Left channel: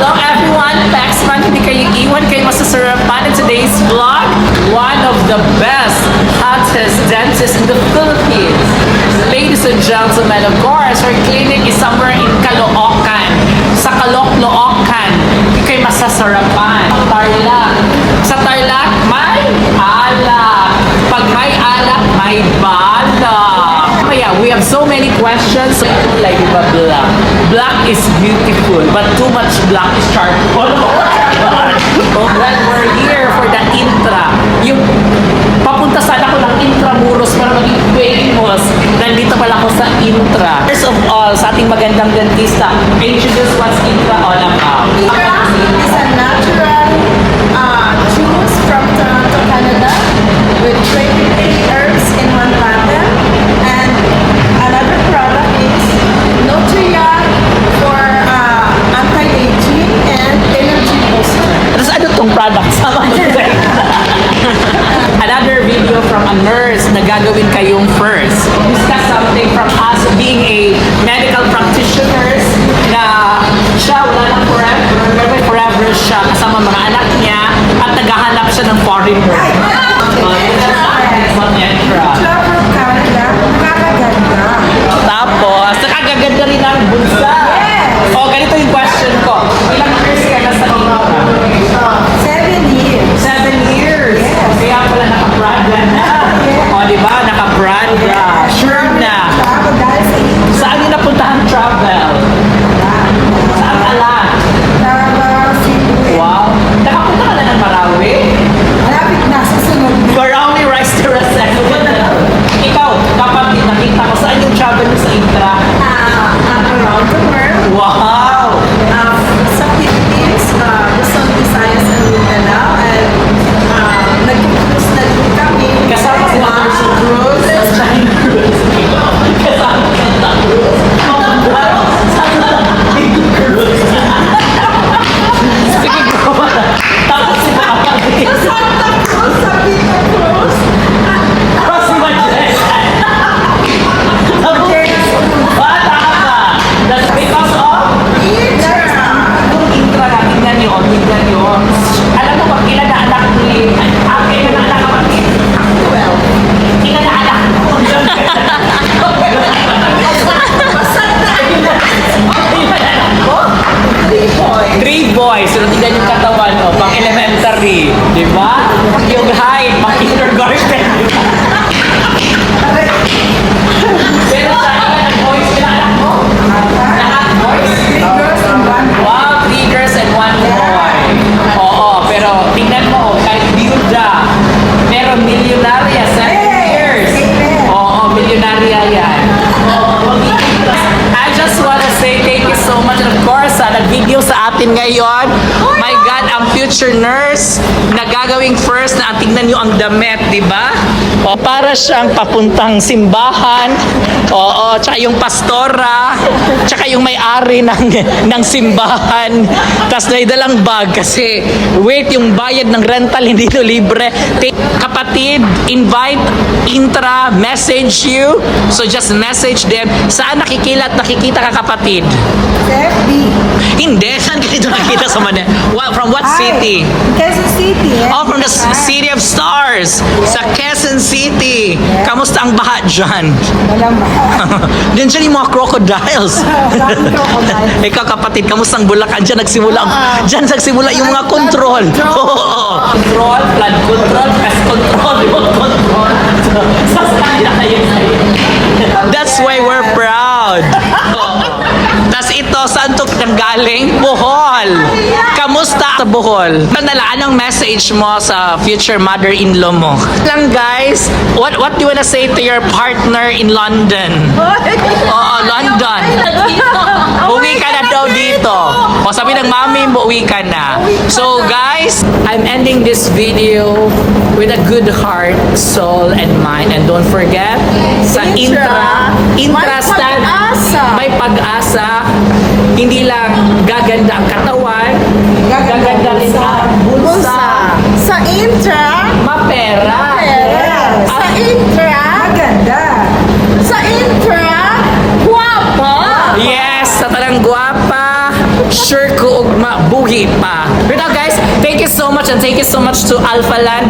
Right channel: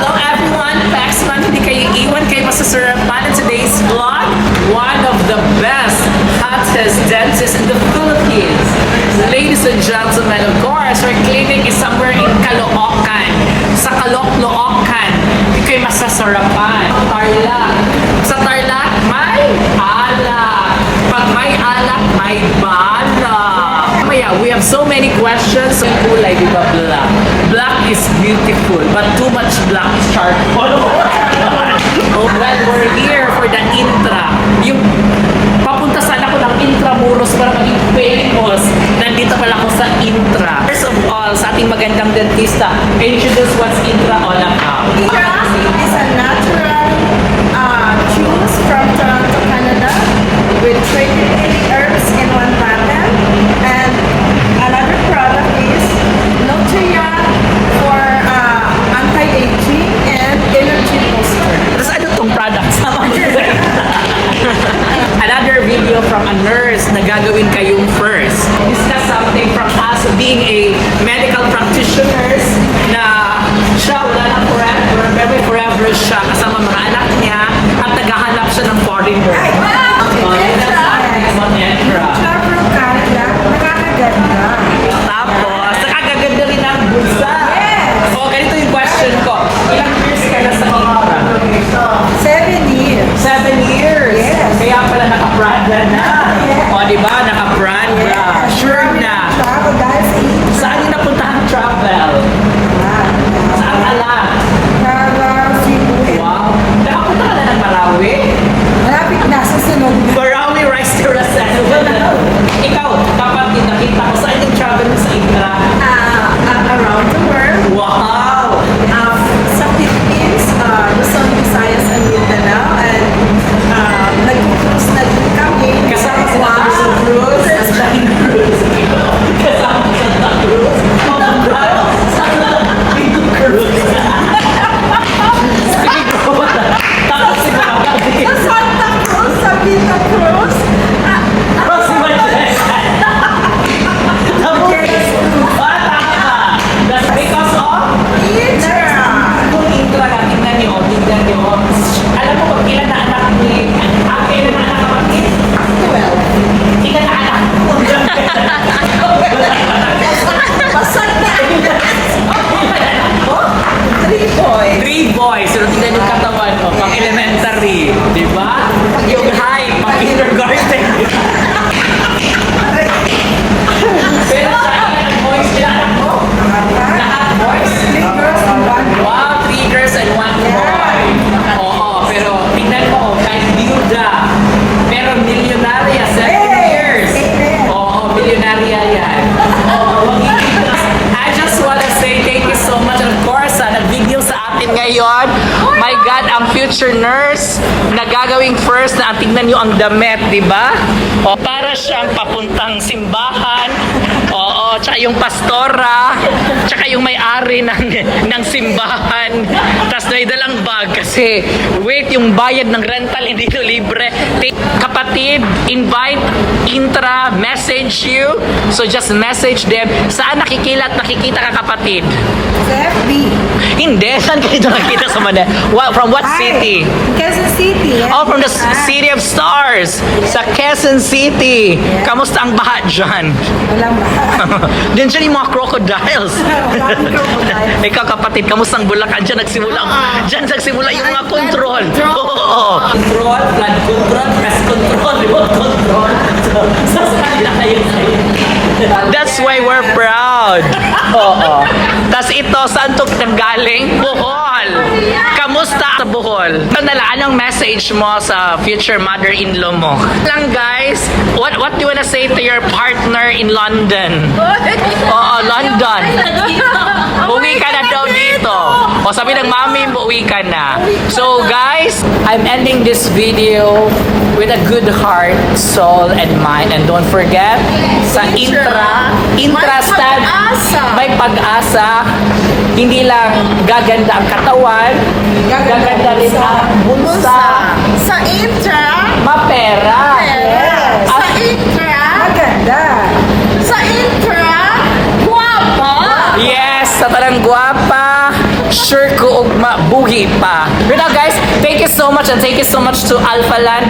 Hello everyone, Paxman, hindi kayo iwan, kayo masasarapan in today's vlog. One of the best, hottest dentists in the Philippines. Ladies and gentlemen, of course, our clinic is somewhere in Caloocan. Sa Caloocan, kayo masasarapan. Tarlac. Sa Tarlac, may alak. Pag may alak, may balak. Yeah, we have so many questions. Like black. Black is beautiful, but too much black is charcoal. Oh, glad we're here for the Intra. Yung papunta sana ako ng Intramuros para maging famous. Nandito pala ako sa Intra. First of all, sa ating magandang dentista, introduce what's Intra all about. Intra is a natural juice from Toronto, Canada, with 23 herbs in one bottle. And another product is Nutria for anti-aging and energy booster. Tapos ano tong product? Another video from a nurse na gagawin kayong first. Discuss something from us being a medical practitioners na siya wala lang forever, pero forever siya kasama mga anak niya at naghahanap siya ng foreigner. Flower Canada, nakakaganda. Tapos, nakagaganda rin ang bulsa. Yes. O, ganito yung question ko. Ilang years ka na sa Intra? 7 years. 7 years? Yes. Kaya pala naka-Prada na. Yes. O, di ba? Naka-Prada. Yes. Sure na. Travel dahil sa Intra. Saan yung napuntahan travel? Saan ka lang? Travel Cebu. Wow. Nakapunta ka na ng Marawi? Malapit na sa sunod. Marawi Restaurant. Ikaw, kapag nakita ko, saan yung travel mo sa Intra? Around the world. Wow! Sa Philippines, Luzon, Visayas, and Mindanao. And nag-cruise na din kami. Kasama si Anderson Cruz. Sunshine Cruz. Kasama si Santa Cruz. Santa Cruz. Sige ko ba? Tapos si Maka. Sa Santa Cruz, sa Vita Cruz. Tapos si Majes. Tapos bata ka. That's because of yung Intra na tingnan niyo. Alam mo pag ilan na anak ni ilan na anak kapatid? 12. Ilan na anak ko? Pasal na. Ilan anak ko? 3 boys. 3 boys. So, tingnan yung katawan mo. Pang elementary. Di ba? Yung height. Pang kindergarten. Pero sa ilan ang boys, ilan anak mo? Lahat boys? 3 girls and 1 boy. Wow, 3 girls and 1 boy. Oo, pero tingnan mo, kahit biyuda, pero milyonarya, 7 years. Amen. Oo, milyonarya yan. Oo, I just wanna say thank you so much. And of course, nag-video sa atin ngayon. My God, ang future nurse na gagawing first na tingnan nyo ang damit, di ba? O, para siyang papuntang simbahan. Oo, tsaka yung pastora, tsaka yung may-ari ng simbahan. Tapos may dalang bag kasi wait, yung bayad ng rental hindi to libre. Kapatid, invite Intra, message you. So just message them. Saan nakikita ka kapatid? Sa FB. Hindi, saan kayo nakikita sa Manila? From what city? Quezon City. Oh, from the City of Stars. Sa Quezon City. Kamusta ang baha dyan? Walang mahal. Diyan siya yung mga crocodiles. Ikaw kapatid, kamusta ang Bulacan? Diyan nagsimula yung mga control. Oo. Control, flood control, pest control, road control. Sasakala kayo. That's why we're proud. Oo. Tapos ito, saan to nanggaling? Bohol. Kamusta sa Bohol? Anong message mo sa future mother-in-law mo? Lang guys, what do you wanna say to your partner in London? Oo, London. Uwi ka na daw dito. O sabi ng mami mo, uwi ka na. So guys, I'm ending this video with a good heart, soul, and mind. And don't forget, sa Intra stand, may pag-asa. Hindi lang gaganda ang katawan, gaganda rin ang bulsa. Sa Intra. Mapera. Yes. Sa Intra. Maganda. Sa Intra. Guwapa. Yes, sa talang guwapa. sure ko og mabuhi pa. But now guys, thank you so much and thank you so much to Alpha Land.